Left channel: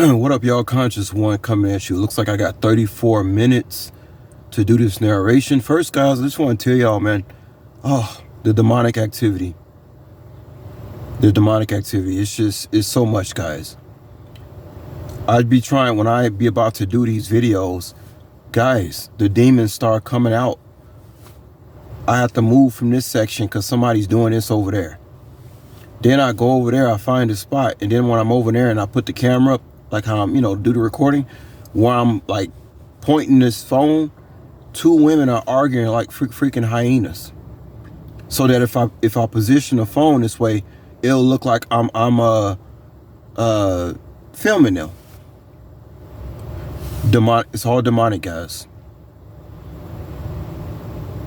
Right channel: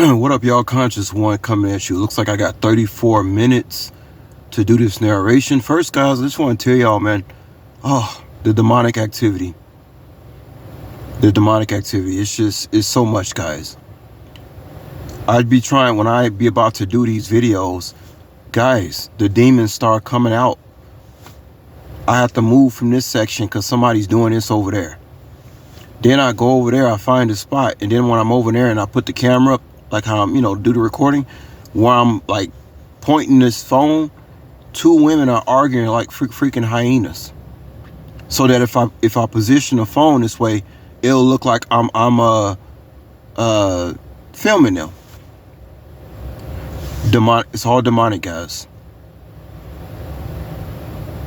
What up, y'all? Conscious One coming at you. Looks like I got 34 minutes to do this narration. First, guys, I just want to tell y'all, man, the demonic activity. The demonic activity. It's so much, guys. I'd be trying, when I be about to do these videos, guys, the demons start coming out. I have to move from this section because somebody's doing this over there. Then I go over there, I find a spot, and then when I'm over there and I put the camera up, like how I'm, do the recording, where I'm like pointing this phone, two women are arguing like freaking hyenas. So that if I position the phone this way, it'll look like I'm filming them. It's all demonic, guys.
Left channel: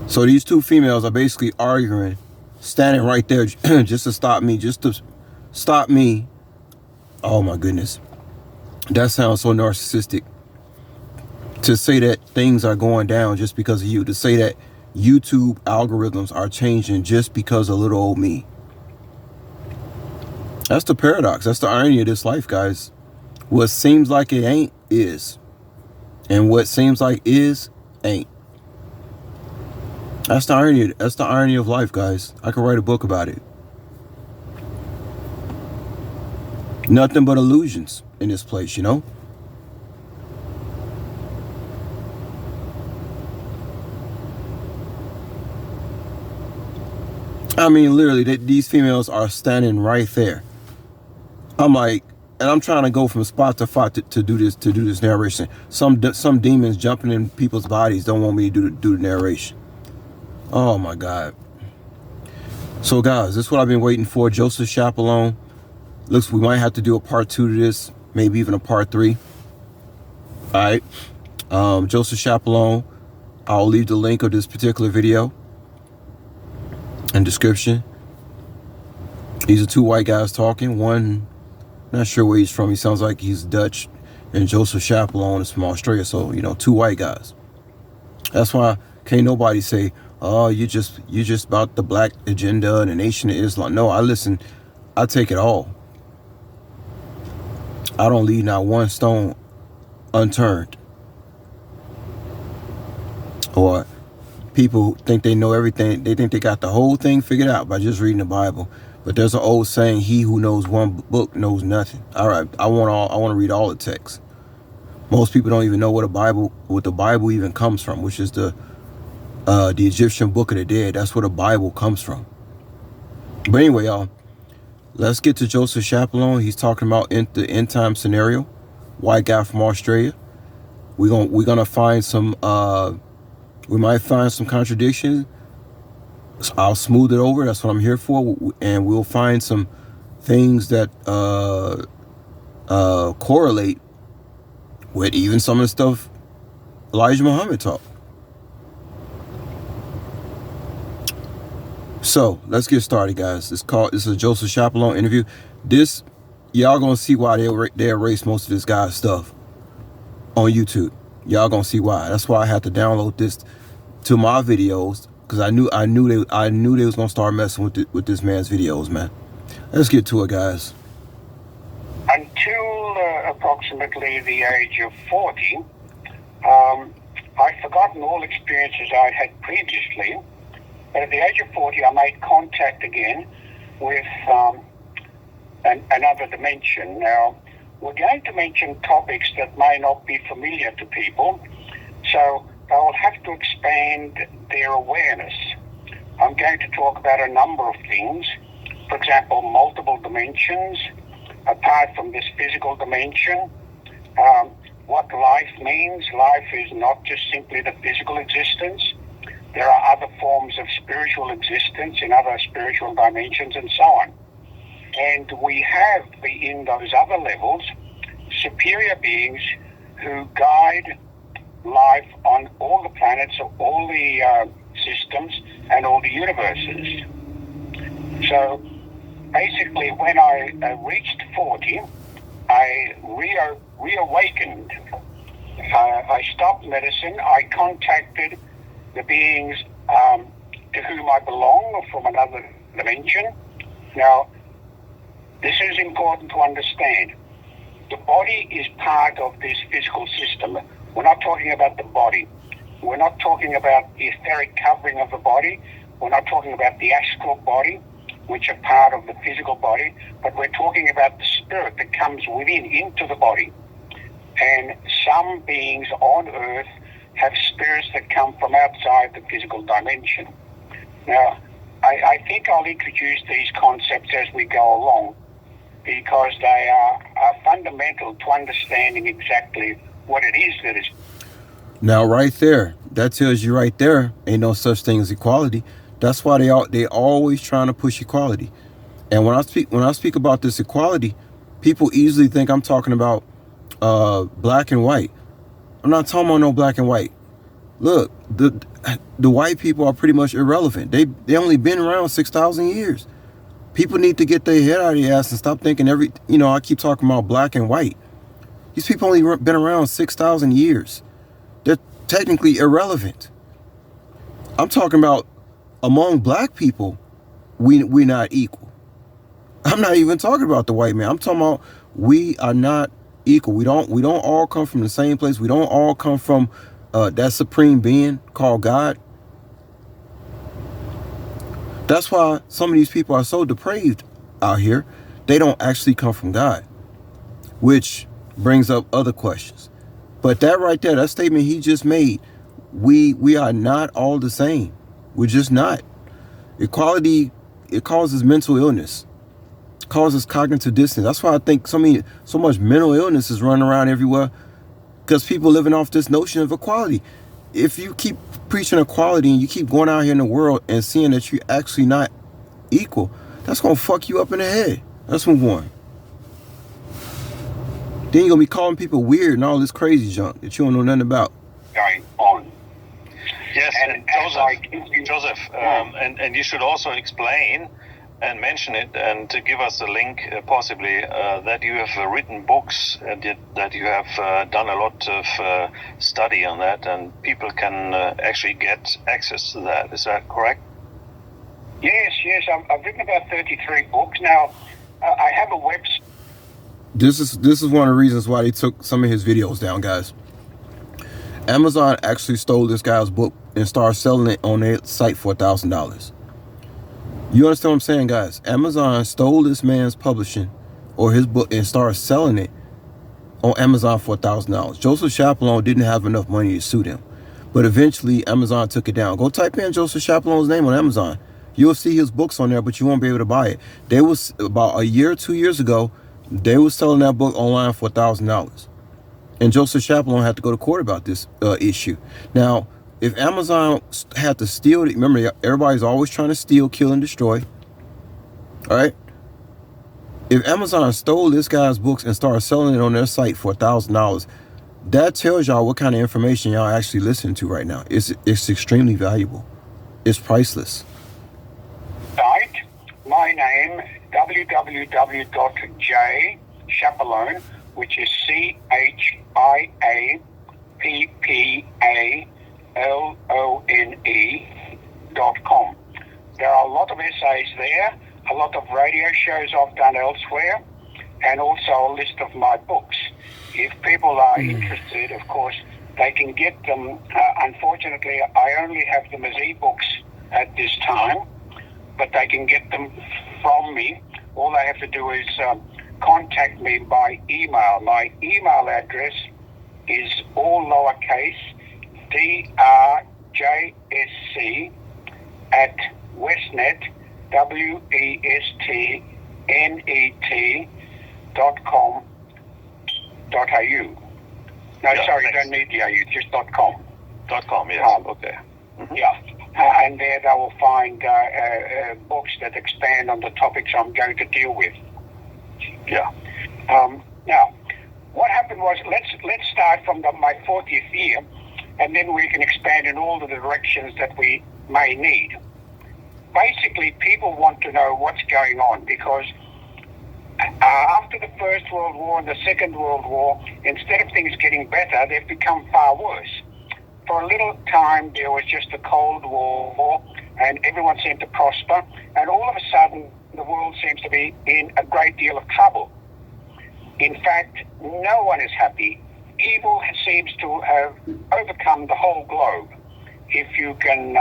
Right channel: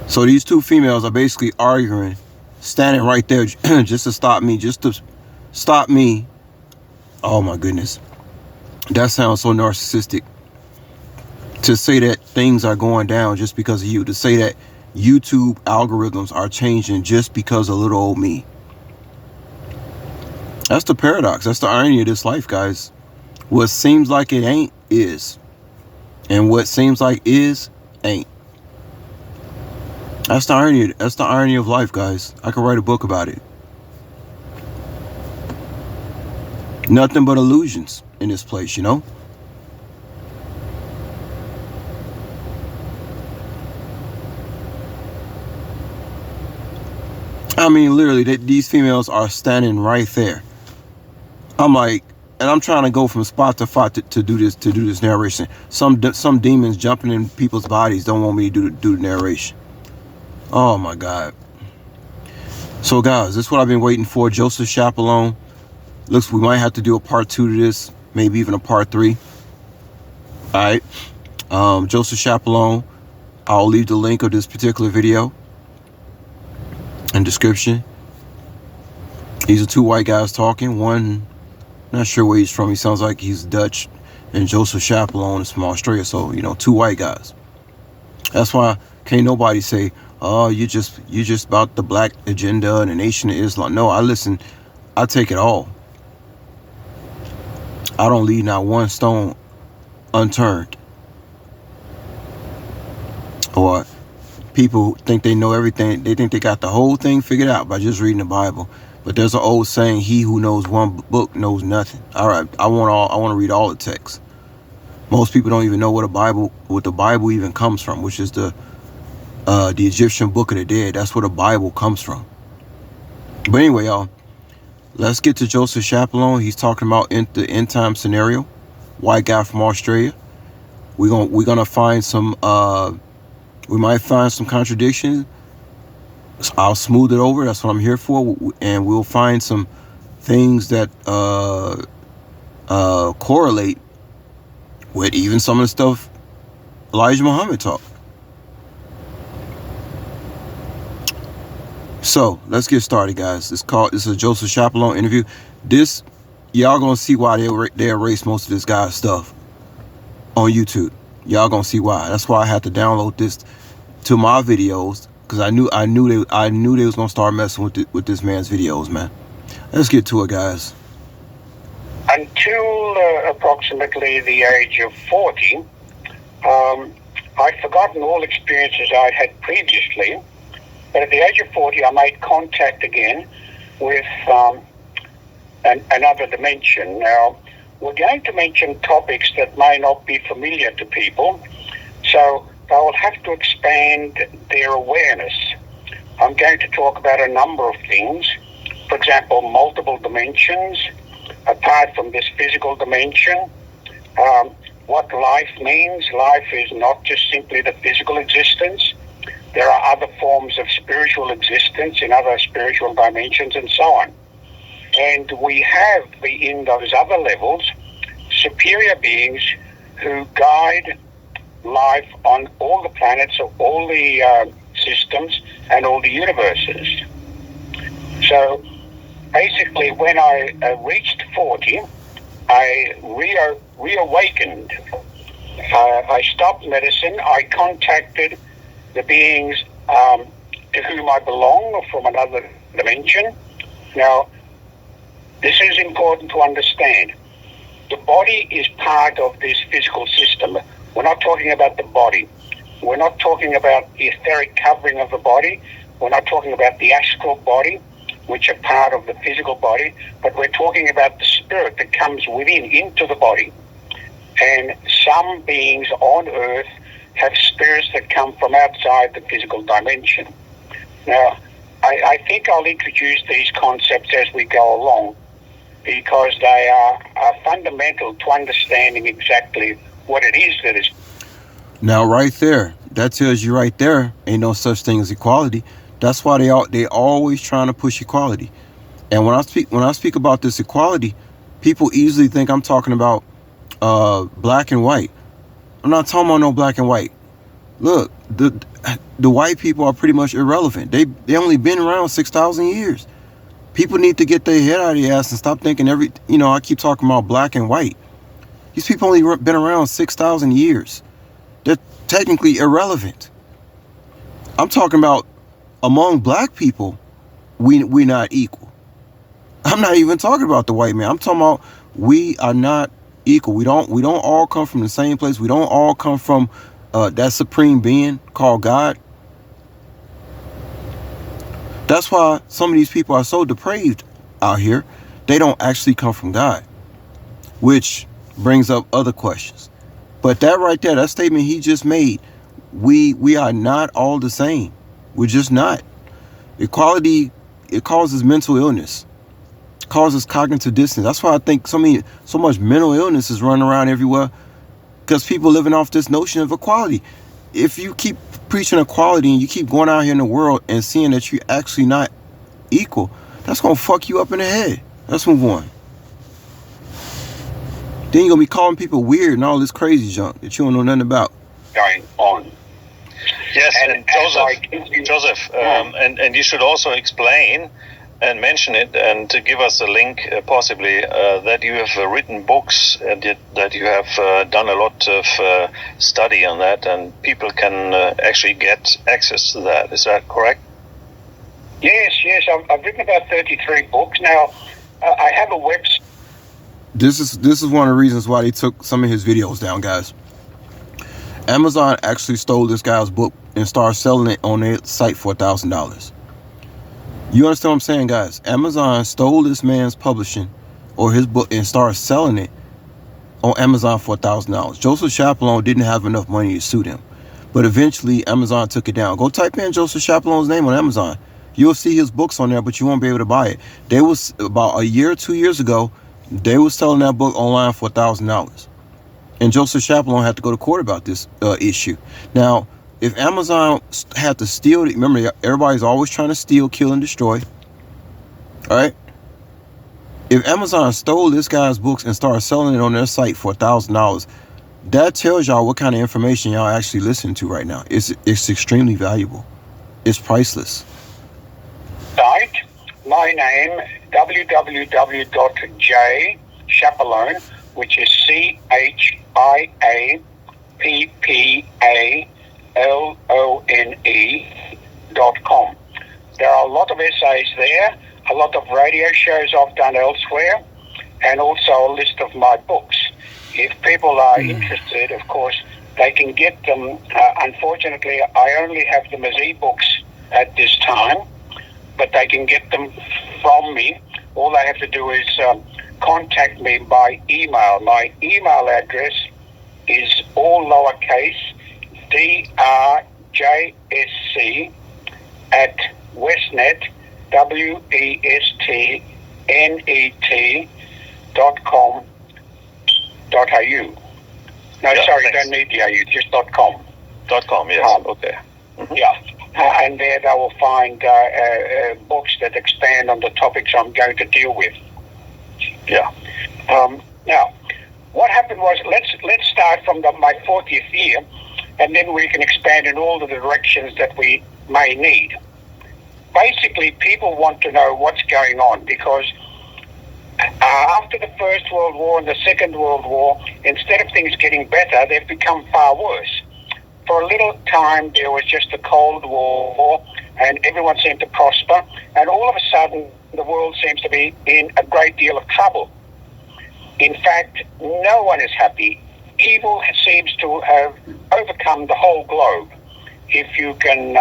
So these two females are basically arguing, standing right there just to stop me. Oh my goodness. That sounds so narcissistic. To say that things are going down just because of you. To say that YouTube algorithms are changing just because of little old me. That's the paradox. That's the irony of this life, guys. What seems like it ain't is. And what seems like is ain't. That's the irony. That's the irony of life, guys. I could write a book about it. Nothing but illusions in this place, I mean, literally, these females are standing right there. I'm like, and I'm trying to go from spot to spot to do this narration. Some demons jumping in people's bodies don't want me to do the narration. Oh my God. So guys, this is what I've been waiting for. Joseph Chiappalone. Looks, we might have to do a part 2 to this, maybe even a part 3. All right. Joseph Chiappalone. I'll leave the link of this particular video in description. These are two white guys talking. One, not sure where he's from. He sounds like he's Dutch. And Joseph Chiappalone is from Australia. So, two white guys. That's why can't nobody say, oh, you just about the black agenda and the Nation of Islam. No, I listen. I take it all. I don't leave not one stone unturned. Or people think they know everything. They think they got the whole thing figured out by just reading the Bible. But there's an old saying, he who knows one book knows nothing. All right, I want to read all the texts. Most people don't even know what the Bible even comes from, which is the Egyptian Book of the Dead. That's where the Bible comes from. But anyway, y'all, let's get to Joseph Chiappalone. He's talking about the end time scenario. White guy from Australia. We're gonna find some. We might find some contradictions. I'll smooth it over. That's what I'm here for. And we'll find some things that correlate with even some of the stuff Elijah Muhammad taught. So let's get started, guys. This is a Joseph Chiappalone interview. This, y'all gonna see why they erased most of this guy's stuff on YouTube. Y'all gonna see why. That's why I had to download this to my videos, because I knew they was gonna start messing with this man's videos, man. Let's get to it, guys. Until approximately the age of 40, I'd forgotten all experiences I'd had previously. But at the age of 40, I made contact again with another dimension. Now, we're going to mention topics that may not be familiar to people, so I'll have to expand their awareness. I'm going to talk about a number of things. For example, multiple dimensions, apart from this physical dimension. What life means. Life is not just simply the physical existence. There are other forms of spiritual existence in other spiritual dimensions and so on. And we have, in those other levels, superior beings who guide life on all the planets, all the systems, and all the universes. So basically, when I reached 40, I reawakened. I stopped medicine. I contacted the beings to whom I belong from another dimension. Now, this is important to understand. The body is part of this physical system. We're not talking about the body. We're not talking about the etheric covering of the body. We're not talking about the astral body, which are part of the physical body, but we're talking about the spirit that comes within, into the body. And some beings on Earth have spirits that come from outside the physical dimension. Now, I think I'll introduce these concepts as we go along, because they are fundamental to understanding exactly what it is that is. Now, right there, that tells you right there, ain't no such thing as equality. That's why they always trying to push equality. And when I speak about this equality, people easily think I'm talking about black and white. I'm not talking about no black and white. Look, the white people are pretty much irrelevant. They only been around 6,000 years. People need to get their head out of their ass and stop thinking I keep talking about black and white. These people only been around 6,000 years. They're technically irrelevant. I'm talking about among black people, we're not equal. I'm not even talking about the white man. I'm talking about we are not equal. We don't all come from the same place. We don't all come from that supreme being called God. That's why some of these people are so depraved out here. They don't actually come from God, which brings up other questions. But that right there, that statement he just made, we are not all the same. We're just not. Equality, it causes mental illness, causes cognitive dissonance. That's why I think so much mental illness is running around everywhere, because people living off this notion of equality. If you keep preaching equality and you keep going out here in the world and seeing that you're actually not equal, that's gonna fuck you up in the head. Let's move on. Then you're gonna be calling people weird and all this crazy junk that you don't know nothing about. Going on. Yes, and Joseph, and you should also explain and mention it, and to give us a link, possibly, that you have written books and that you have done a lot of study on that, and people can actually get access to that. Is that correct? Yes. I've written about 33 books. Now, I have a website. This is one of the reasons why they took some of his videos down, guys. Amazon actually stole this guy's book and started selling it on their site for $1,000. You understand what I'm saying, guys? Amazon stole this man's publishing or his book and started selling it on Amazon for $1,000. Joseph Chiappalone didn't have enough money to sue them, but eventually Amazon took it down. Go type in Joseph Chiappalone's name on Amazon. You'll see his books on there, but you won't be able to buy it. They was about a year or 2 years ago, they was selling that book online for $1,000. And Joseph Chiappalone had to go to court about this issue. Now, if Amazon had to steal it, remember, everybody's always trying to steal, kill, and destroy. All right? If Amazon stole this guy's books and started selling it on their site for $1,000, that tells y'all what kind of information y'all actually listening to right now. It's extremely valuable. It's priceless. Site, my name, www.chiappalone, which is CHIAPPALONE.com. There are a lot of essays there, a lot of radio shows I've done elsewhere, and also a list of my books. If people are interested, of course, they can get them. Unfortunately, I only have them as ebooks at this time, but they can get them from me. All they have to do is contact me by email. My email address is all lowercase drjsc at westnet, westnet.com.au. No, Yeah, sorry, thanks. don't need the AU, just .com. .com, yes. Okay. Yeah, and there they will find books that expand on the topics I'm going to deal with. Yeah. Now, what happened was, let's start from my 40th year, and then we can expand in all the directions that we may need. Basically, people want to know what's going on, because after the First World War and the Second World War, instead of things getting better, they've become far worse. For a little time, there was just a Cold War, and everyone seemed to prosper, and all of a sudden, the world seems to be in a great deal of trouble. In fact, no one is happy. Evil seems to have overcome the whole globe, if you can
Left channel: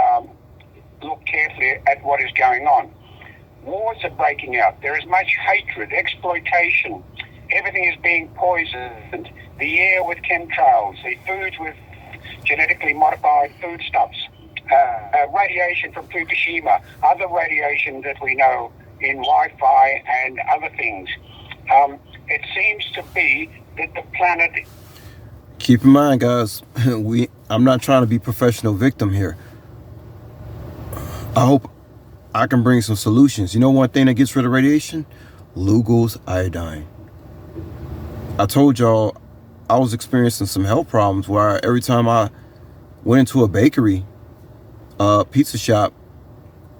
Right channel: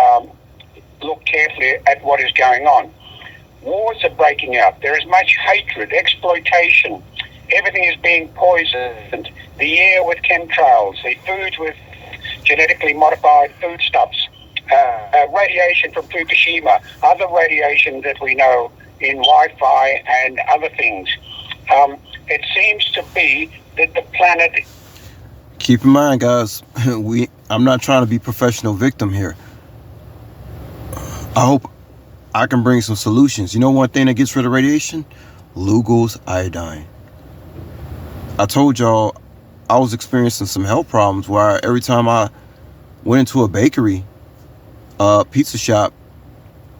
look carefully at what is going on. Wars are breaking out. There is much hatred, exploitation. Everything is being poisoned. The air with chemtrails, the foods with genetically modified foodstuffs, radiation from Fukushima, other radiation that we know in Wi-Fi and other things. It seems to be that the planet... Keep in mind, guys, I'm not trying to be professional victim here. I hope I can bring some solutions. You know one thing that gets rid of radiation? Lugol's iodine. I told y'all I was experiencing some health problems where every time I went into a bakery, pizza shop,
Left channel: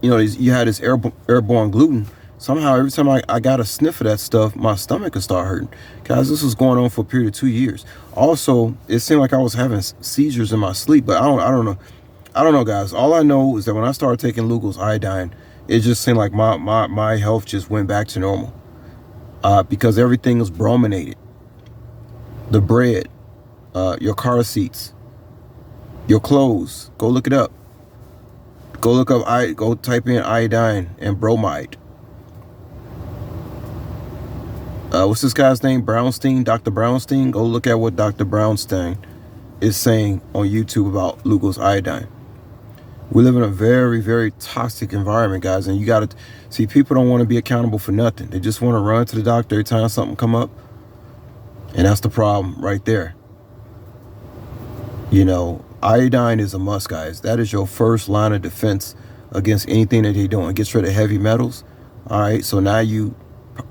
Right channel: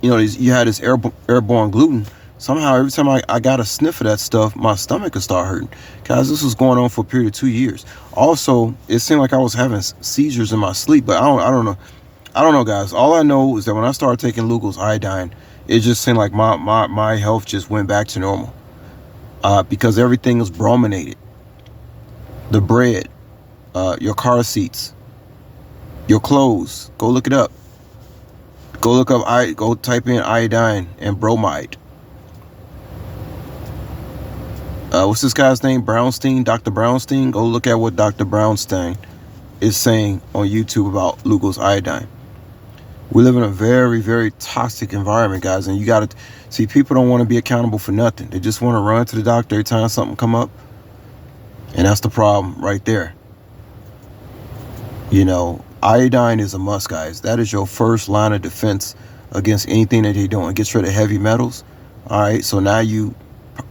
you had this airborne gluten. Somehow, every time I got a sniff of that stuff, my stomach would start hurting. Guys, this was going on for a period of 2 years. Also, it seemed like I was having seizures in my sleep, but I don't know. I don't know, guys. All I know is that when I started taking Lugol's iodine, it just seemed like my health just went back to normal. Because everything was brominated. The bread, your car seats, your clothes. Go look it up. Go type in iodine and bromide. What's this guy's name? Brownstein, Dr. Brownstein. Go look at what Dr. Brownstein is saying on YouTube about Lugol's iodine. We live in a very, very toxic environment, guys, and you got to see, people don't want to be accountable for nothing. They just want to run to the doctor every time something come up, and that's the problem right there. Iodine is a must, guys. That is your first line of defense against anything that you're doing. It gets rid of heavy metals. All right, so now you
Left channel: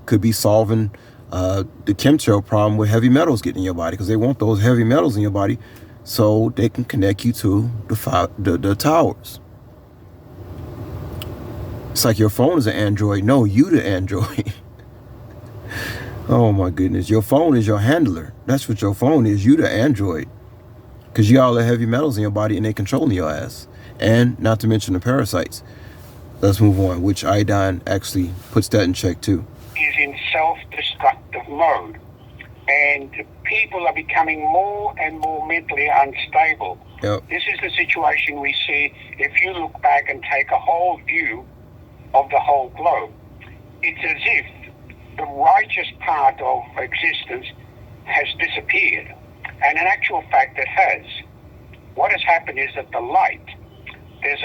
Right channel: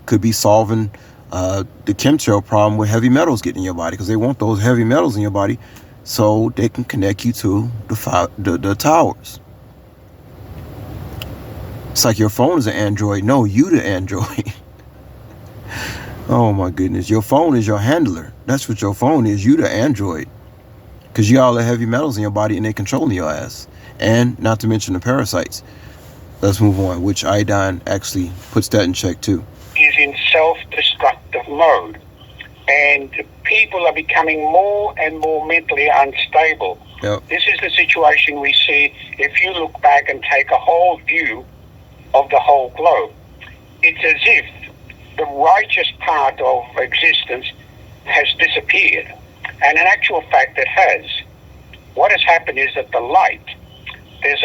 could be solving the chemtrail problem with heavy metals getting in your body, because they want those heavy metals in your body so they can connect you to the towers. It's like your phone is an Android. No, you the Android. Oh my goodness. Your phone is your handler. That's what your phone is. You the Android. Because you got all the heavy metals in your body and they controlling your ass. And not to mention the parasites. Let's move on, which iodine actually puts that in check too. Is in self-destructive mode. And people are becoming more and more mentally unstable. Yep. This is the situation we see if you look back and take a whole view of the whole globe. It's as if the righteous part of existence has disappeared. And in actual fact, it has. What has happened is that the light, there's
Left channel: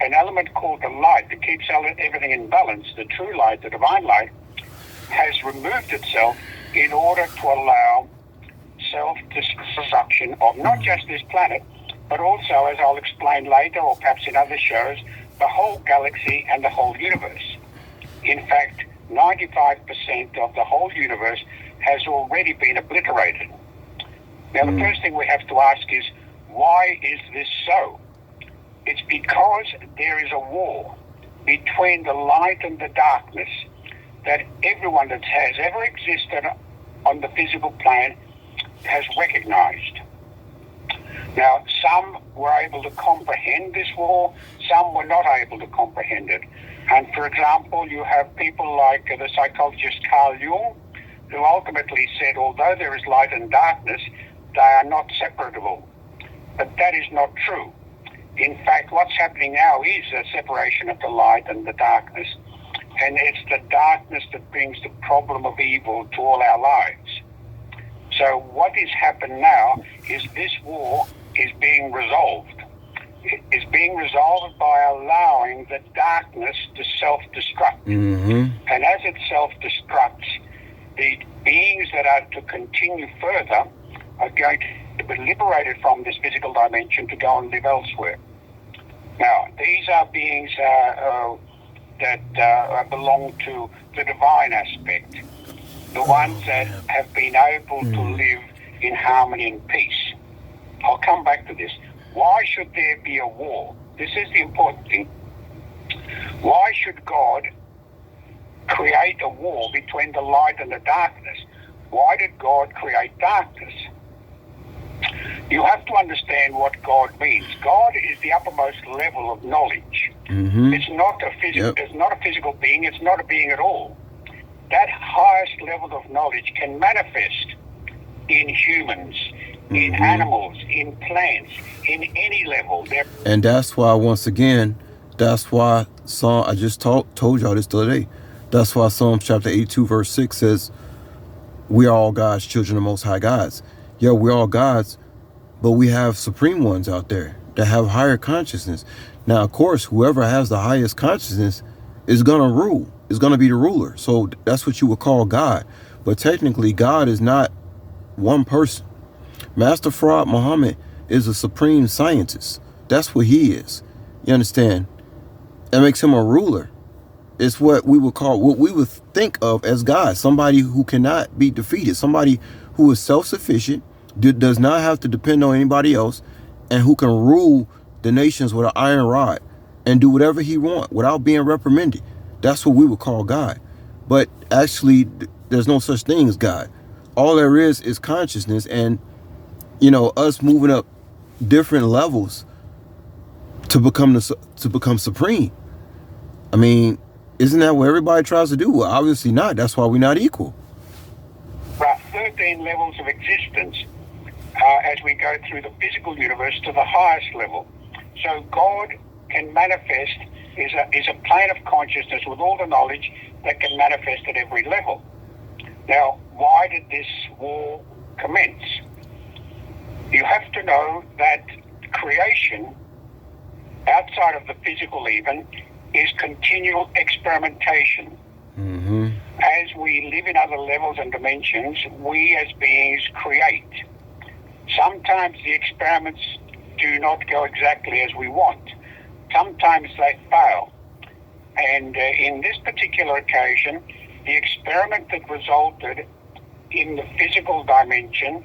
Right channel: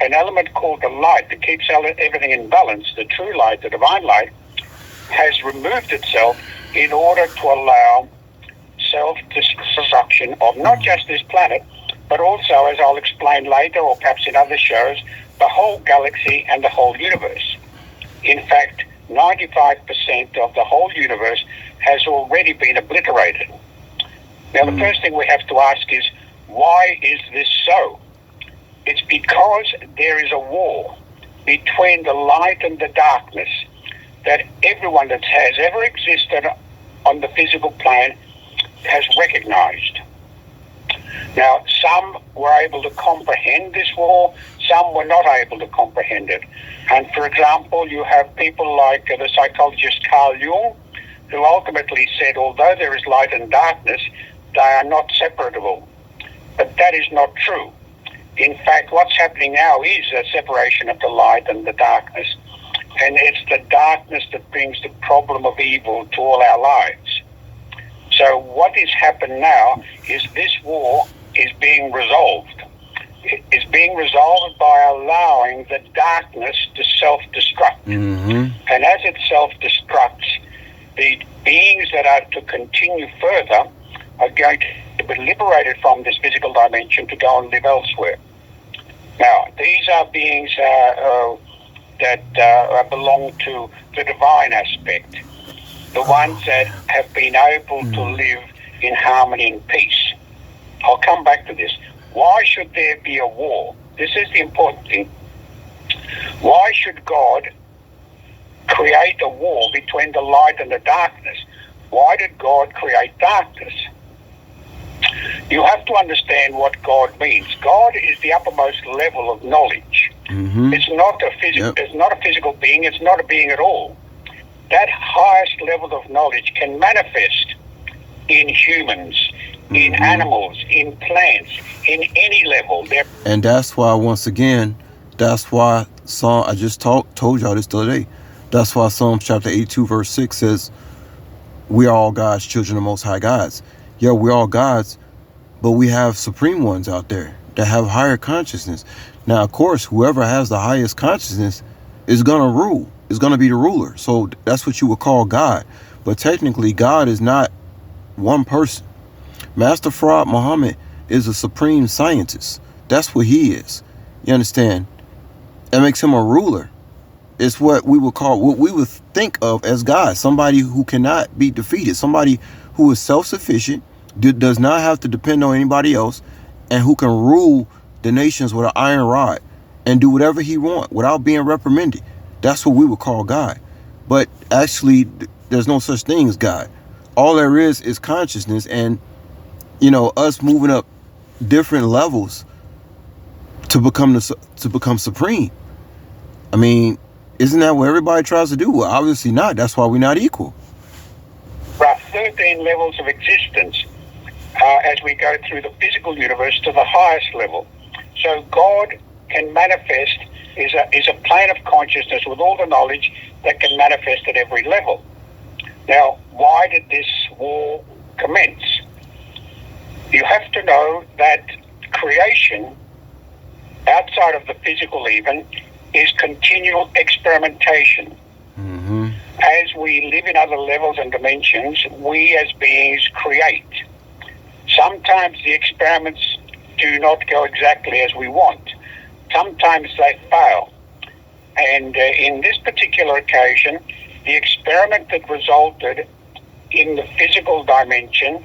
an element called the light that keeps everything in balance. The true light, the divine light, has removed itself in order to allow self-destruction of not just this planet, but also, as I'll explain later, or perhaps in other shows, the whole galaxy and the whole universe. In fact, 95% of the whole universe has already been obliterated. Now, the first thing we have to ask is, why is this so? It's because there is a war between the light and the darkness that everyone that has ever existed on the physical plane has recognized. Now, some were able to comprehend this war, some were not able to comprehend it. And for example, you have people like the psychologist Carl Jung, who ultimately said, although there is light and darkness, they are not separable. But that is not true. In fact, what's happening now is a separation of the light and the darkness. And it's the darkness that brings the problem of evil to all our lives. So what is happening now is this war is being resolved. It is being resolved by allowing the darkness to self-destruct. Mm-hmm. And as it self-destructs, the beings that are to continue further are going to be liberated from this physical dimension to go and live elsewhere. Now, these are beings that belong to the divine aspect, the ones that have been able to live in harmony and peace. I'll come back to this. Why should there be a war? This is the important thing. Why should God create a war between the light and the darkness? Why did God create darkness? You have to understand what God means. God is the uppermost level of knowledge. Mm-hmm. It's not a physical. Yep. It's not a physical being. It's not a being at all. that highest level of knowledge can manifest in humans, in animals, in plants, in any level. And that's why, once again, that's why I just told y'all this the other day. That's why Psalms chapter 82 verse 6 says, we are all God's children, the Most High gods. Yeah, we're all gods, but we have supreme ones out there that have higher consciousness. Now, of course, whoever has the highest consciousness is going to rule, is going to be the ruler. So that's what you would call God. But technically, God is not one person. Master Fraud Muhammad is a supreme scientist. That's what he is. You understand? That makes him a ruler. It's what we would call, what we would think of as God. Somebody who cannot be defeated. Somebody who is self-sufficient, does not have to depend on anybody else, and who can rule the nations with an iron rod and do whatever he wants without being reprimanded. That's what we would call God. But actually, there's no such thing as God. All there is consciousness, and us moving up different levels to become supreme. I mean, isn't that what everybody tries to do? Well, obviously not. That's why we're not equal. There are 13 levels of existence as we go through the physical universe to the highest level. So God can manifest, is a plane of consciousness with all the knowledge that can manifest at every level. Now, why did this war commence? You have to know that creation, outside of the physical even, is continual experimentation. As we live in other levels and dimensions, we as beings create. Sometimes the experiments do not go exactly as we want. Sometimes they fail. And in this particular occasion, the experiment that resulted in the physical dimension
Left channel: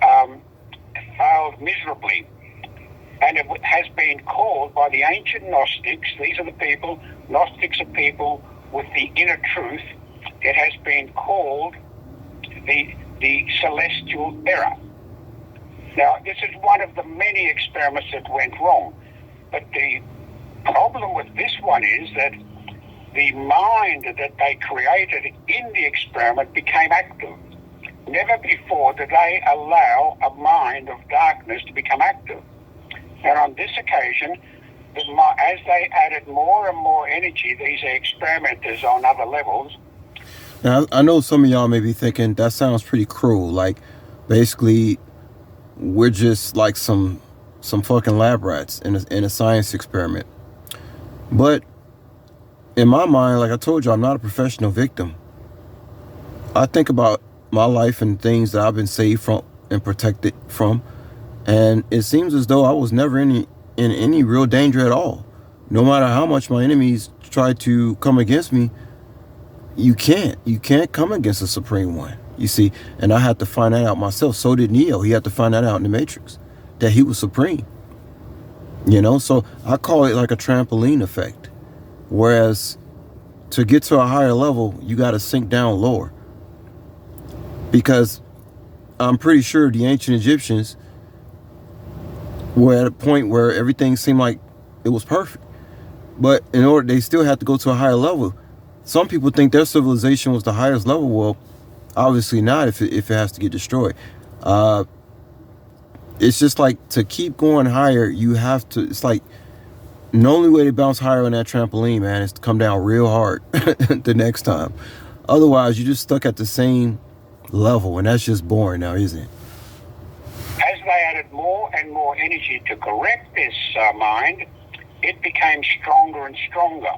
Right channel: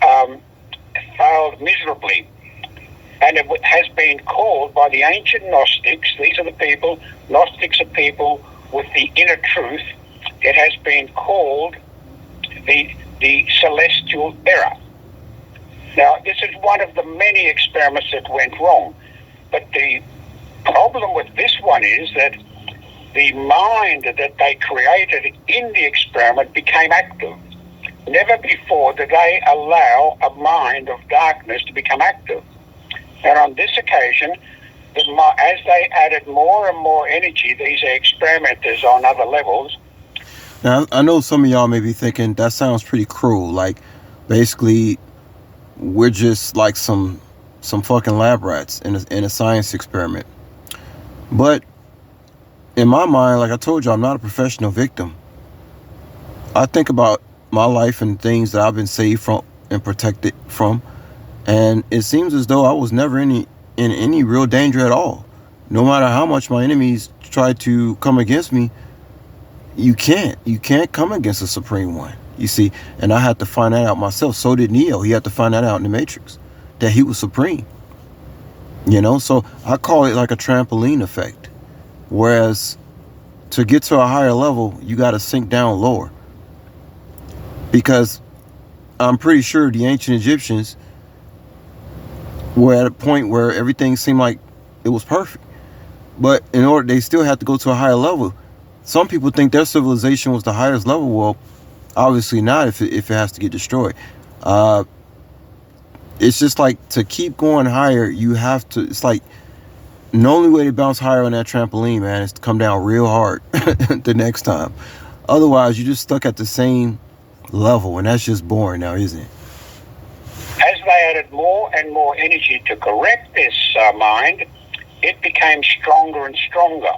failed miserably. And it has been called by the ancient Gnostics, these are the people, Gnostics are people with the inner truth, it has been called the celestial error. Now, this is one of the many experiments that went wrong. But the problem with this one is that the mind that they created in the experiment became active. Never before did they allow a mind of darkness to become active. And on this occasion, as they added more and more energy, these experimenters on other levels. Now, I know some of y'all may be thinking, that sounds pretty cruel. Like, basically, we're just like some fucking lab rats in a science experiment. But in my mind, like I told you, I'm not a professional victim. I think about my life and things that I've been saved from and protected from, and it seems as though I was never in any real danger at all. No matter how much my enemies try to come against me, you can't come against a supreme one, you see. And I had to find that out myself. So did Neo. He had to find that out in the Matrix, that he was supreme. So I call it like a trampoline effect. Whereas to get to a higher level, you got to sink down lower. Because I'm pretty sure the ancient Egyptians were at a point where everything seemed like it was perfect. But in order, they still had to go to a higher level. Some people think their civilization was the highest level. Well, obviously not if it has to get destroyed. It's just like, to keep going higher, you have to, it's like, the only way to bounce higher on that trampoline, man, is to come down real hard the next time. Otherwise, you're just stuck at the same level, and that's just boring now, isn't it? As they added more and more energy to correct this mind, it became stronger and stronger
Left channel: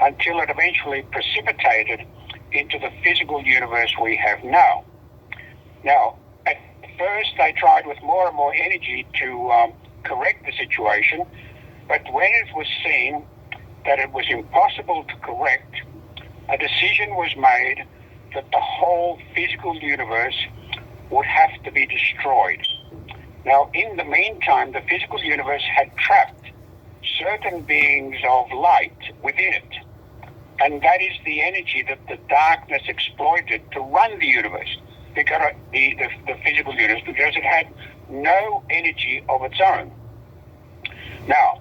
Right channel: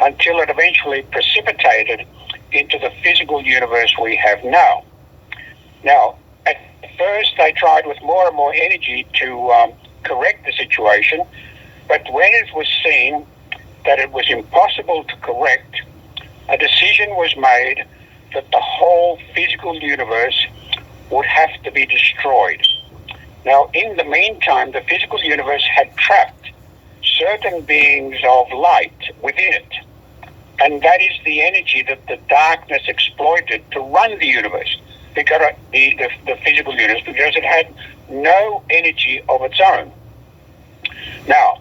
until it eventually precipitated into the physical universe we have now. Now, at first they tried with more and more energy to correct the situation, but when it was seen that it was impossible to correct, a decision was made that the whole physical universe would have to be destroyed. Now, in the meantime, the physical universe had trapped certain beings of light within it. And that is the energy that the darkness exploited to run the universe, because the physical universe, because it had no energy of its own. Now,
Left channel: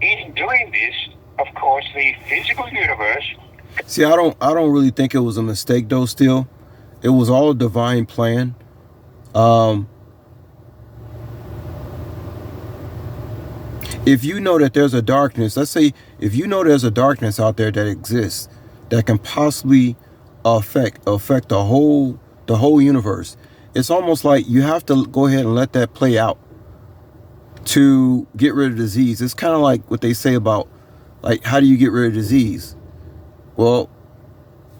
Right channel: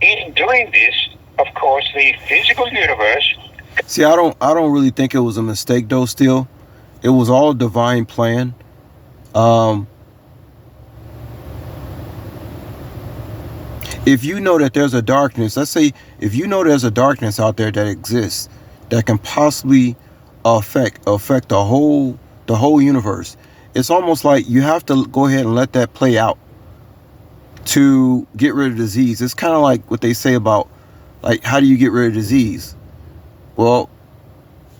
in doing this, of course, the physical universe See, I don't really think it was a mistake though. Still, it was all a divine plan. Um, if you know that there's a darkness, let's say if you know there's a darkness out there that exists that can possibly affect the whole universe, it's almost like you have to go ahead and let that play out to get rid of disease. It's kind of like what they say about, like, how do you get rid of disease? Well,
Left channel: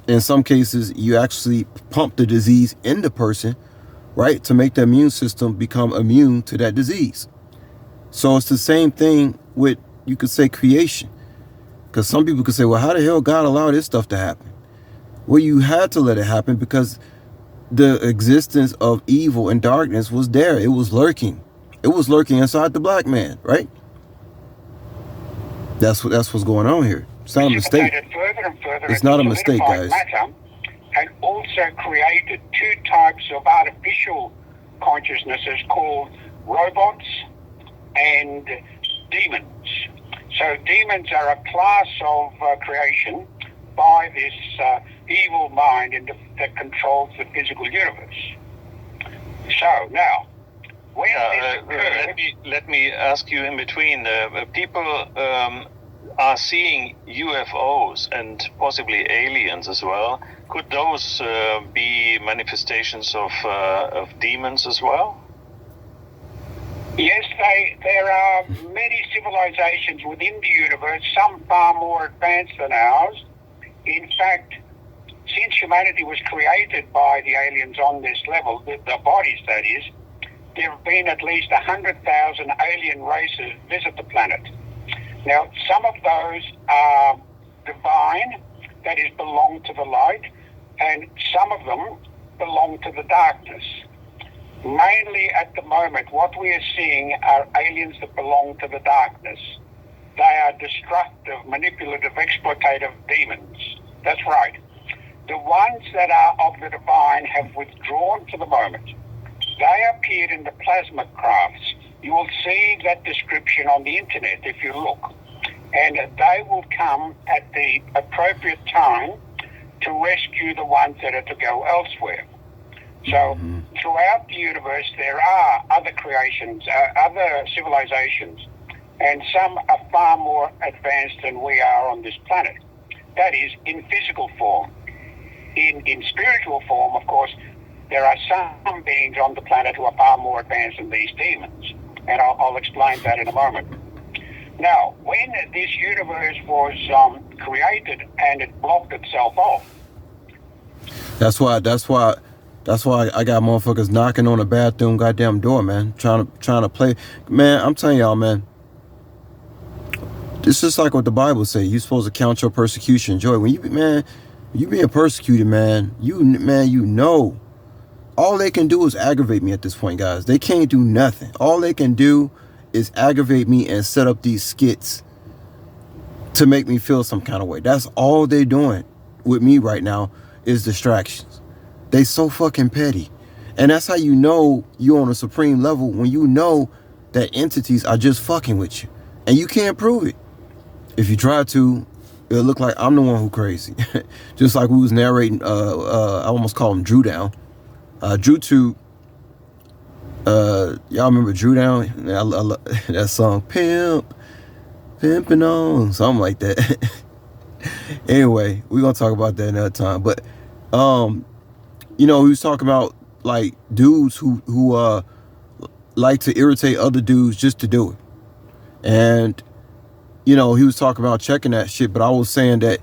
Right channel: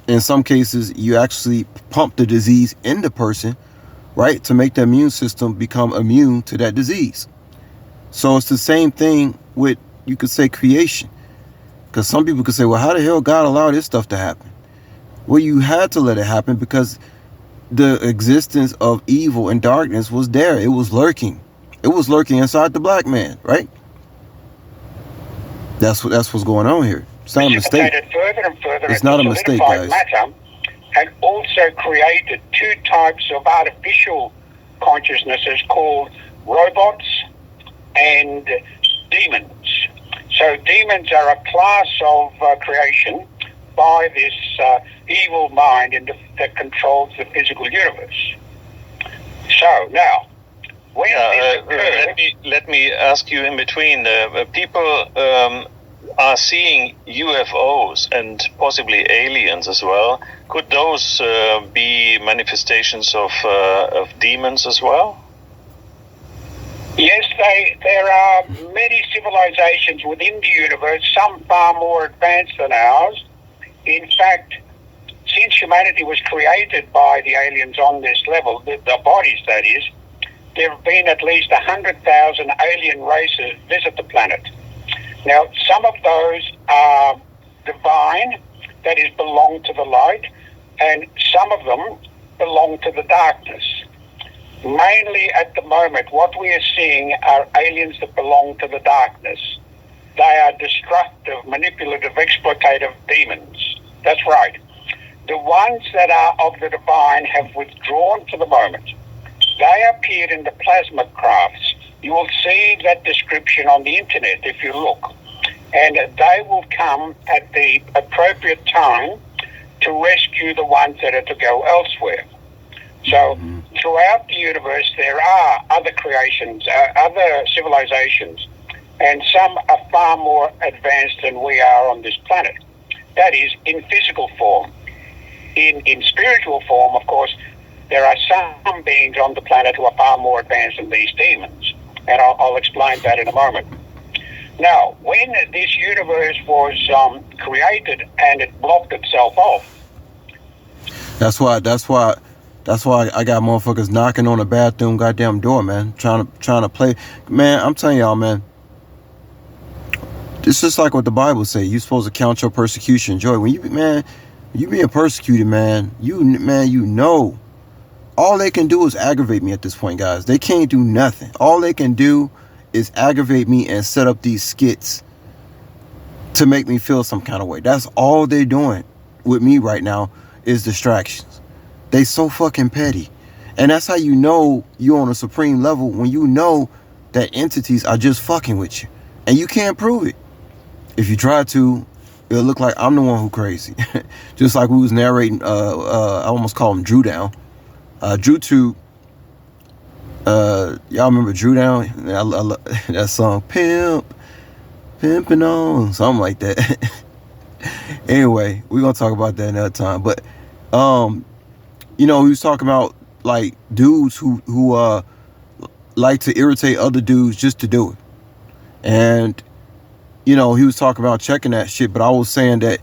in some cases, you actually pump the disease in the person, right, to make the immune system become immune to that disease. So it's the same thing with, you could say, creation. Because some people could say, well, how the hell God allowed this stuff to happen? Well, you had to let it happen because the existence of evil and darkness was there. It was lurking. It was lurking inside the black man, right? That's what's going on here. It's not a mistake. It's not a mistake, guys. Matter, and also created two types of artificial consciousnesses called robots and demons. So demons are a class of creation by this evil mind that controls the physical universe. So now, when this occurred, let me ask you in between. People are seeing UFOs and possibly aliens as well. Could those be manifestations of demons as well? Yes, there are many civilizations within the universe, some far more advanced than ours. In fact, since humanity was created by the aliens on this level, the bodies that is, there have been at least 100,000 alien races visit the planet. Now, some of those are divine, that is, belong to the light, and some of them belong to the darkness. Mainly at the moment, what we are seeing are aliens that belong to the darkness. They are destructive, manipulative, exploitative demons. That's right. The ones that are of the divine have withdrawn for the moment. They appeared in the plasma crafts. You will see that description on the internet if you look. And they will come at the appropriate time to rescue the ones that are to go elsewhere. So throughout the universe, there are other creations, other civilizations, and some are far more advanced than we are on this planet. That is, in physical form. In spiritual form, of course, there are some beings on the planet who are far more advanced than these demons. And I'll explain that in a moment. Now, when this universe was created and it blocked itself off. That's why I got motherfuckers knocking on the bathroom goddamn door, man. Trying to play. Man, I'm telling y'all, man. It's just like what the Bible say. You supposed to count your persecution joy. When you being persecuted, man, you know. All they can do is aggravate me at this point, guys. They can't do nothing. All they can do is aggravate me and set up these skits to make me feel some kind of way. That's all they're doing with me right now is distractions. They so fucking petty. And that's how you know you're on a supreme level, when you know that entities are just fucking with you. And you can't prove it. If you try to, it'll look like I'm the one who crazy. Just like we was narrating, I almost call him Drew Down. Drew Tube, y'all remember Drew Down? I love that song, Pimping On, something like that. Anyway, we're gonna talk about that another time. But he was talking about like dudes who like to irritate other dudes just to do it. And he was talking about checking that shit, but I was saying that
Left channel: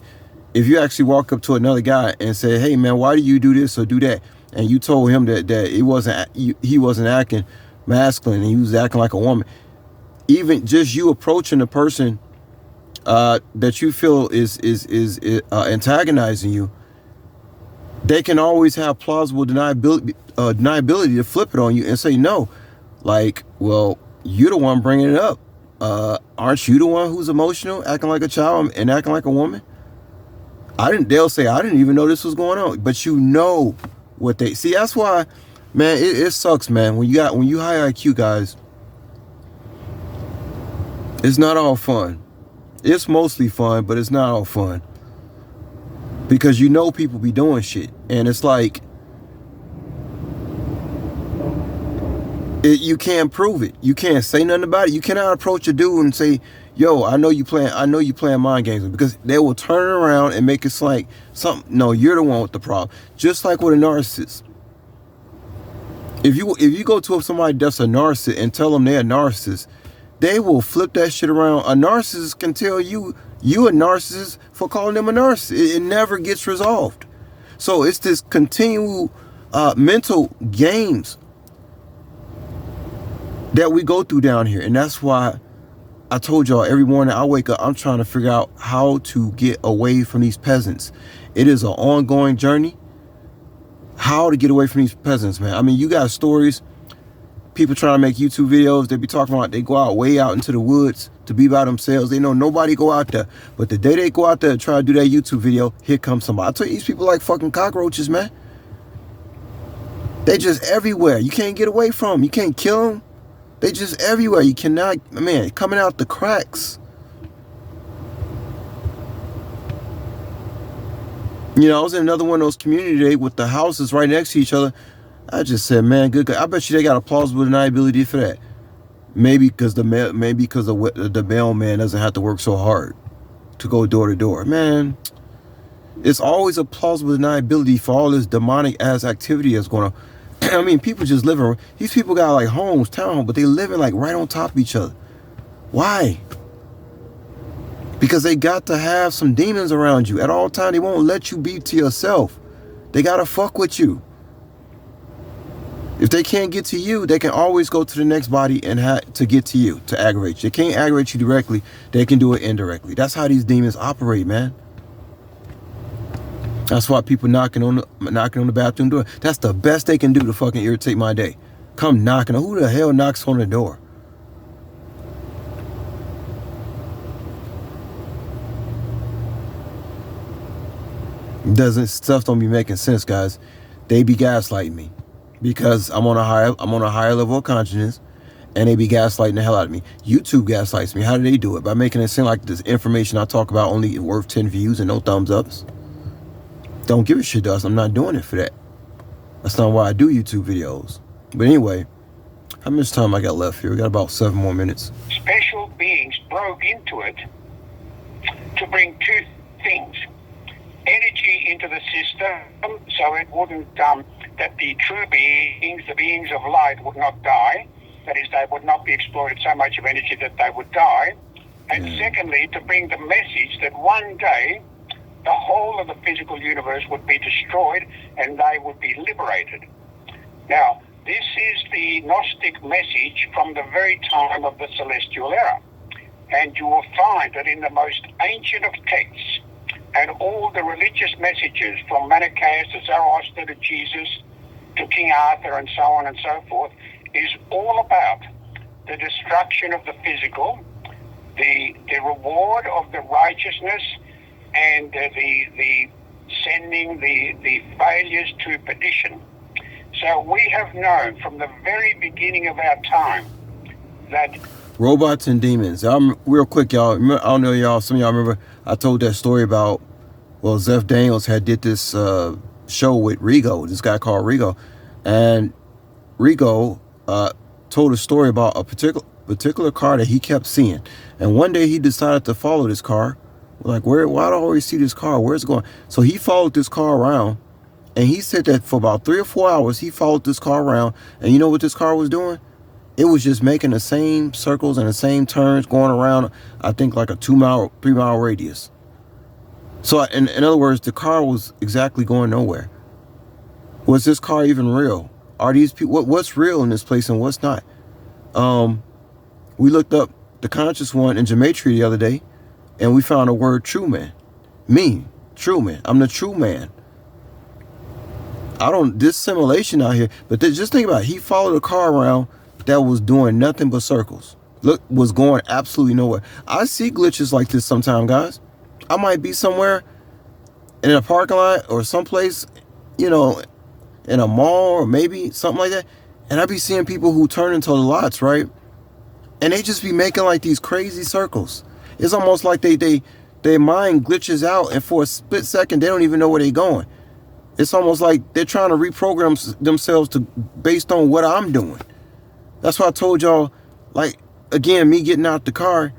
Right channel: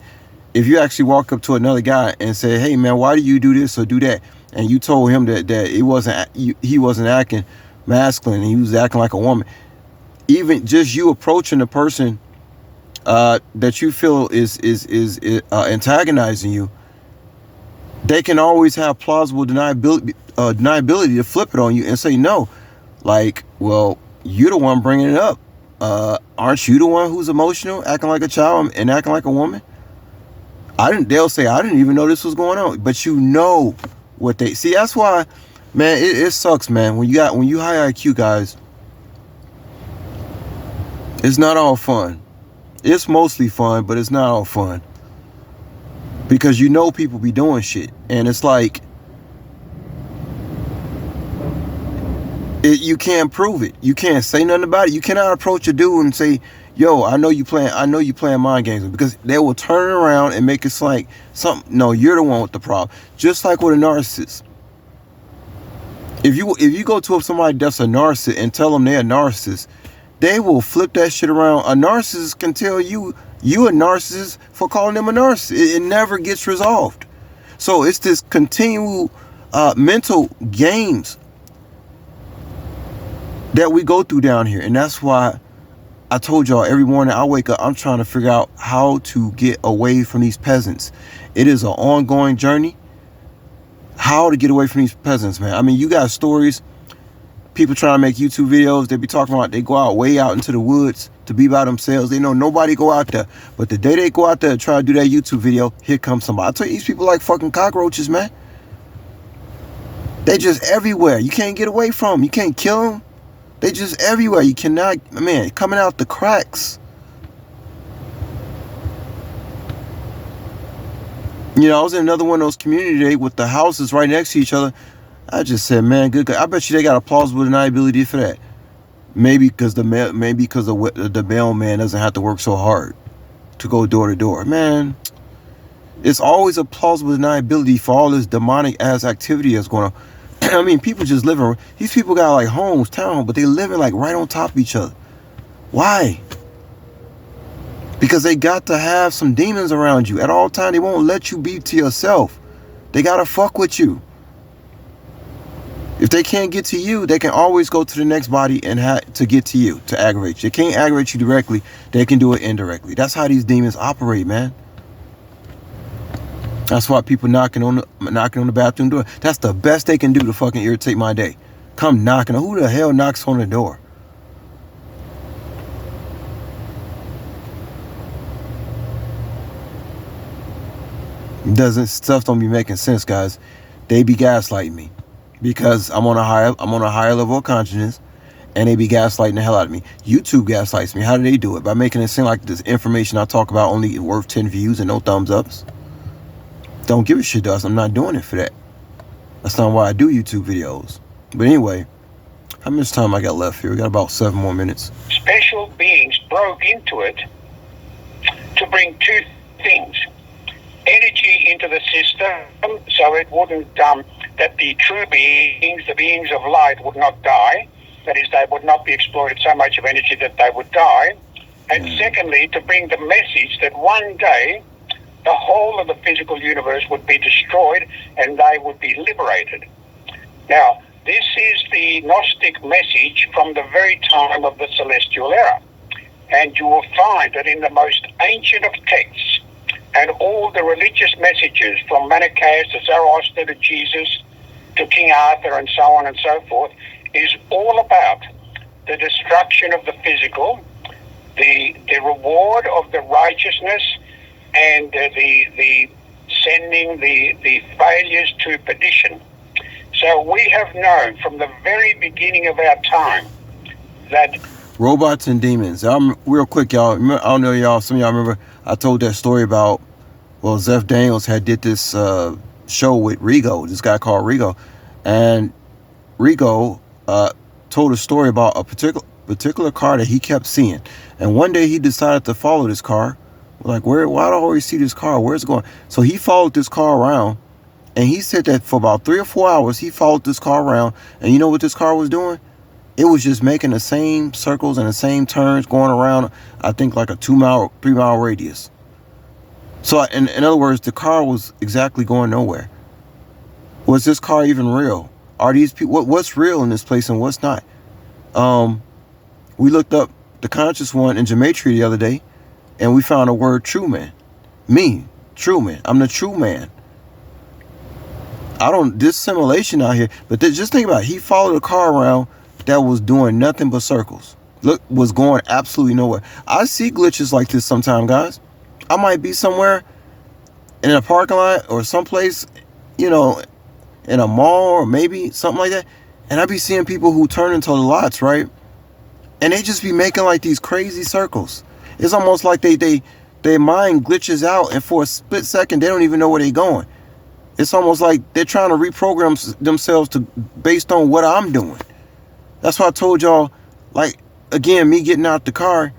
if you actually walk up to another guy and say, hey man, why do you do this or do that? And you told him that he wasn't acting masculine and he was acting like a woman. Even just you approaching the person that you feel is antagonizing you, they can always have plausible deniability to flip it on you and say no. Like, well, you're the one bringing it up. Aren't you the one who's emotional, acting like a child and acting like a woman? They'll say, I didn't even know this was going on. But you know what they see. That's why, man, it sucks, man. When you high IQ guys, it's not all fun. It's mostly fun, but it's not all fun. Because you know people be doing shit. And it's like, you can't prove it. You can't say nothing about it. You cannot approach a dude and say, yo, I know you playing mind games, because they will turn it around and make it like something. No, you're the one with the problem. Just like with a narcissist. If you go to somebody that's a narcissist and tell them they're a narcissist, they will flip that shit around. A narcissist can tell you a narcissist for calling them a narcissist. It never gets resolved. So it's this continual mental games that we go through down here. And that's why I told y'all, every morning I wake up, I'm trying to figure out how to get away from these peasants. It is an ongoing journey. How to get away from these peasants, man. I mean, you got stories, people trying to make YouTube videos. They be talking about they go out way out into the woods to be by themselves. They know nobody go out there. But the day they go out there and try to do that YouTube video, here comes somebody. I tell you, these people like fucking cockroaches, man. They just everywhere. You can't get away from them. You can't kill them. They just everywhere. You cannot, man, coming out the cracks. You know, I was in another one of those community days with the houses right next to each other. I just said, man, good. I bet you they got a plausible deniability for that. Maybe because the mailman doesn't have to work so hard to go door to door. Man, it's always a plausible deniability for all this demonic ass activity that's going on. I mean, people just living. These people got like homes, town, but they living like right on top of each other. Why? Because they got to have some demons around you at all times. They won't let you be to yourself. They gotta fuck with you. If they can't get to you, they can always go to the next body and to get to you, to aggravate you. They can't aggravate you directly. They can do it indirectly. That's how these demons operate, man. That's why people knocking on the bathroom door. That's the best they can do to fucking irritate my day. Come knocking. Who the hell knocks on the door? Stuff don't be making sense, guys. They be gaslighting me because I'm on a higher level of consciousness, and they be gaslighting the hell out of me. YouTube gaslights me. How do they do it? By making it seem like this information I talk about only worth 10 views and no thumbs ups. Don't give a shit to us. I'm not doing it for that. That's not why I do YouTube videos. But anyway, how much time I got left here? We got about 7 more minutes. Special beings broke into it to bring two things. Energy into the system, so it wouldn't, that the true beings, the beings of light, would not die. That is, they would not be exploited so much of energy that they would die. And secondly, to bring the message that one day the whole of the physical universe would be destroyed and they would be liberated. Now, this is the Gnostic message from the very time of the Celestial Era. And you will find that in the most ancient of texts, and all the religious messages from Manichaeus to Zoroaster to Jesus to King Arthur and so on and so forth, is all about the destruction of the physical, the reward of the righteousness, and the sending the failures to perdition. So we have known from the very beginning of our time that robots and demons. Real quick, y'all. I don't know, y'all. Some of y'all remember I told that story about, well, Zeph Daniels had did this show with Rigo, this guy called Rigo, and Rigo told a story about a particular car that he kept seeing, and one day he decided to follow this car. Like, why do I always see this car? Where's it going? So he followed this car around, and he said that for about 3 or 4 hours he followed this car around, and you know what this car was doing? It was just making the same circles and the same turns, going around, I think, like a 3-mile radius. So in other words, the car was exactly going nowhere. Was this car even real? Are these people, what's real in this place and what's not? We looked up the conscious one in Gematria the other day, and we found a word, true man. Me, true man. I'm the true man. This simulation out here, but just think about it. He followed a car around that was doing nothing but circles. Look, was going absolutely nowhere. I see glitches like this sometimes, guys. I might be somewhere in a parking lot or someplace, you know, in a mall or maybe something like that, and I be seeing people who turn into the lots, right? And they just be making like these crazy circles. It's almost like they their mind glitches out, and for a split second, they don't even know where they're going. It's almost like they're trying to reprogram themselves to based on what I'm doing. That's why I told y'all, like, again, me getting out the car,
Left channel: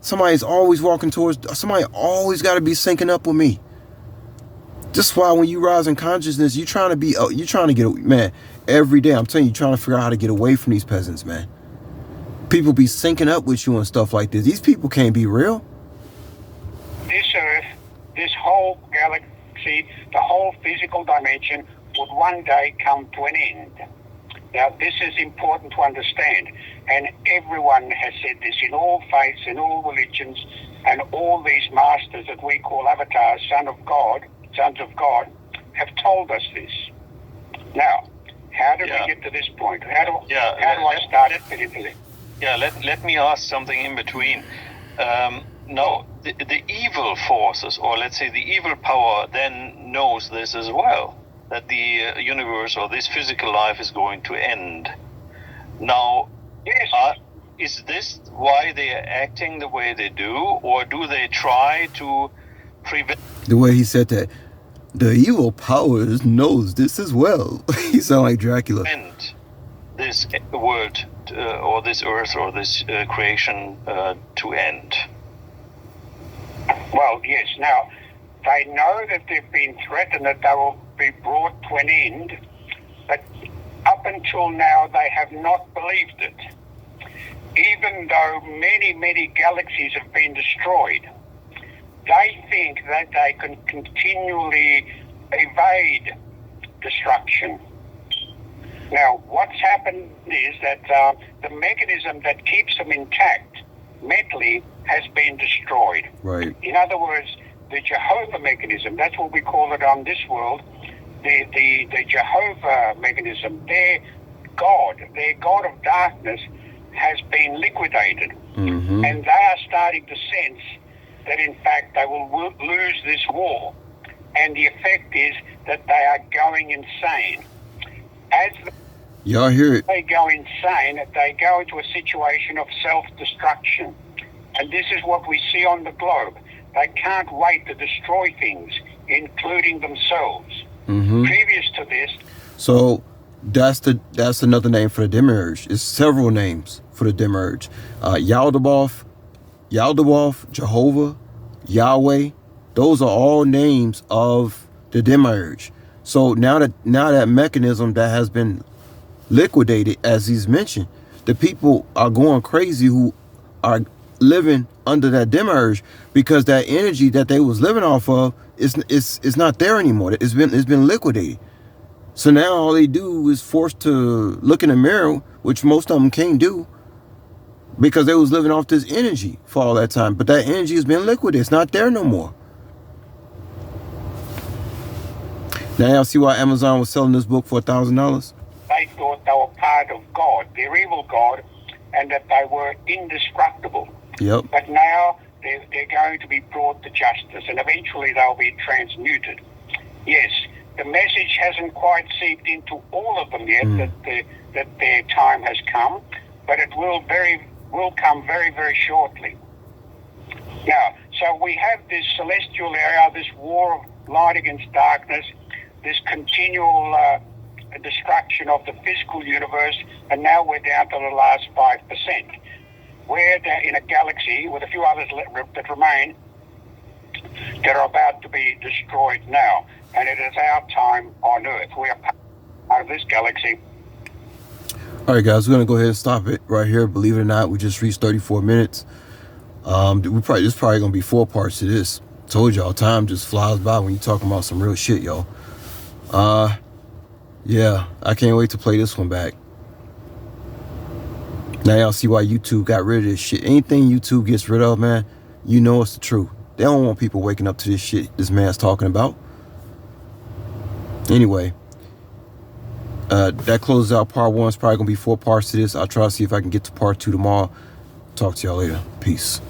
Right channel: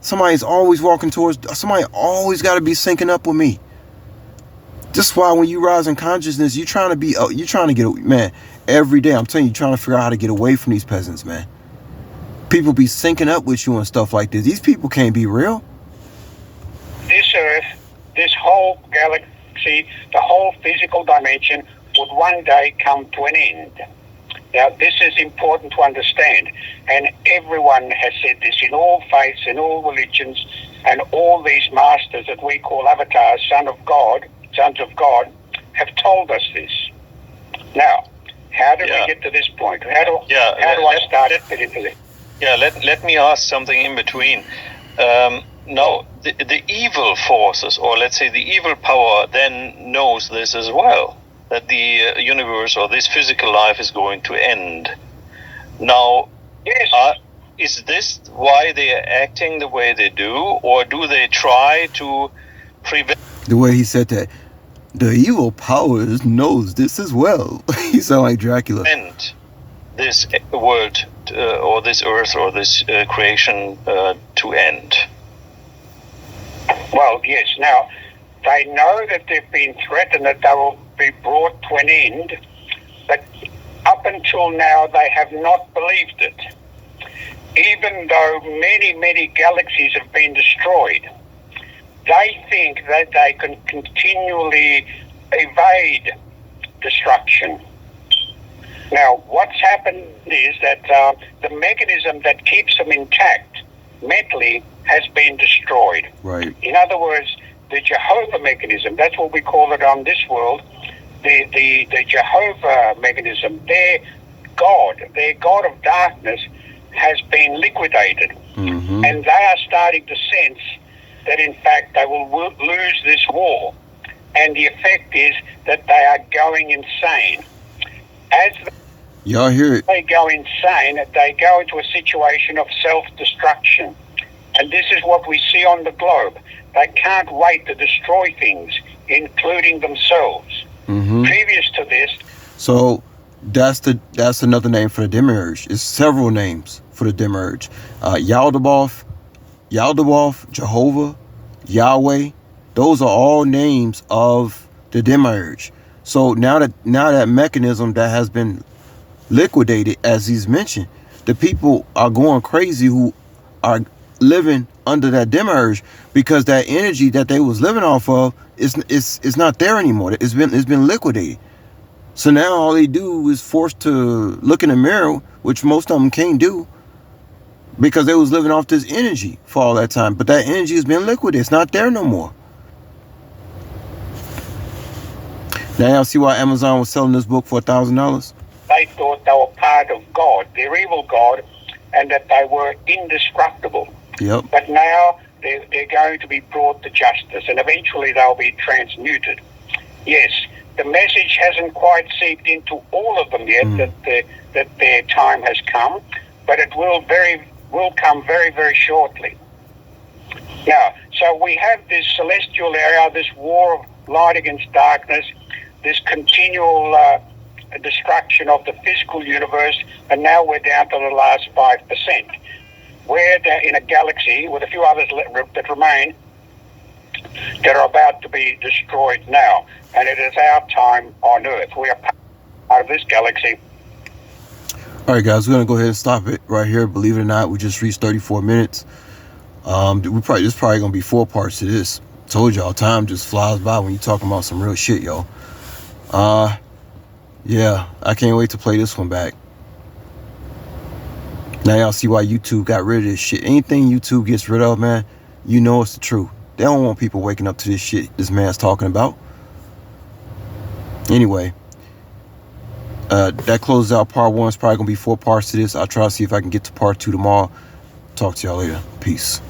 somebody's always walking towards, somebody always got to be syncing up with me. That's why when you rise in consciousness, you're trying to get, man, every day, I'm telling you, trying to figure out how to get away from these peasants, man. People be syncing up with you and stuff like this. These people can't be real. This Earth, this whole galaxy, the whole physical dimension would one day come to an end. Now, this is important to understand, and everyone has said this in all faiths, in all religions, and all these masters that we call avatars, sons of God, have told us this. Now, how did we get to this point? How do I start it? Yeah, let me ask something in between. Now, the evil forces, or let's say the evil power, then knows this as well, that the universe or this physical life is going to end. Now, yes. Is this why they are acting the way they do, or do they try to prevent... The way he said that, the evil powers knows this as well. He sound like Dracula. This world, or this earth, or this creation to end. Well, yes. Now, they know that they've been threatened, that they will be brought to an end, but up until now they have not believed it. Even though many, many galaxies have been destroyed, they think that they can continually evade destruction. Now, what's happened is that the mechanism that keeps them intact mentally has been destroyed. Right. In other words, the Jehovah mechanism, that's what we call it on this world, the Jehovah mechanism, their God of darkness has been liquidated. Mm-hmm. And they are starting to sense that in fact they will lose this war. And the effect is that they are going insane. As y'all hear it? They go insane, they go into a situation of self-destruction. And this is what we see on the globe. They can't wait to destroy things, including themselves. Mm-hmm. Previous to this... So that's another name for the demiurge. It's several names for the demiurge. Yaldabaoth, Jehovah, Yahweh. Those are all names of the demiurge. So now that mechanism that has been liquidated, as he's mentioned, the people are going crazy who are living under that demiurge, because that energy that they was living off of is not there anymore. It's been liquidated. So now all they do is forced to look in the mirror, which most of them can't do, because they was living off this energy for all that time. But that energy has been liquidated. It's not there no more. Now y'all see why Amazon was selling this book for $1,000? They thought they were part of God, their evil God, and that they were indestructible. Yep. But now they're going to be brought to justice, and eventually they'll be transmuted. Yes, the message hasn't quite seeped into all of them yet, that their time has come, but it will come very, very shortly. Now, so we have this celestial area, this war of light against darkness, this continual destruction of the physical universe, and now we're down to the last 5%. We're in a galaxy with a few others that remain that are about to be destroyed now, and it is our time on Earth. We are part of this galaxy. All right, guys, we're gonna go ahead and stop it right here. Believe it or not, we just reached 34 minutes. This probably gonna be 4 parts to this. Told y'all, time just flies by when you talking about some real shit, y'all. Yeah, I can't wait to play this one back. Now y'all see why YouTube got rid of this shit. Anything YouTube gets rid of, man, you know it's the truth. They don't want people waking up to this shit this man's talking about. Anyway, that closes out part 1. It's probably gonna be 4 parts to this. I'll try to see if I can get to part 2 tomorrow. Talk to y'all later. Peace.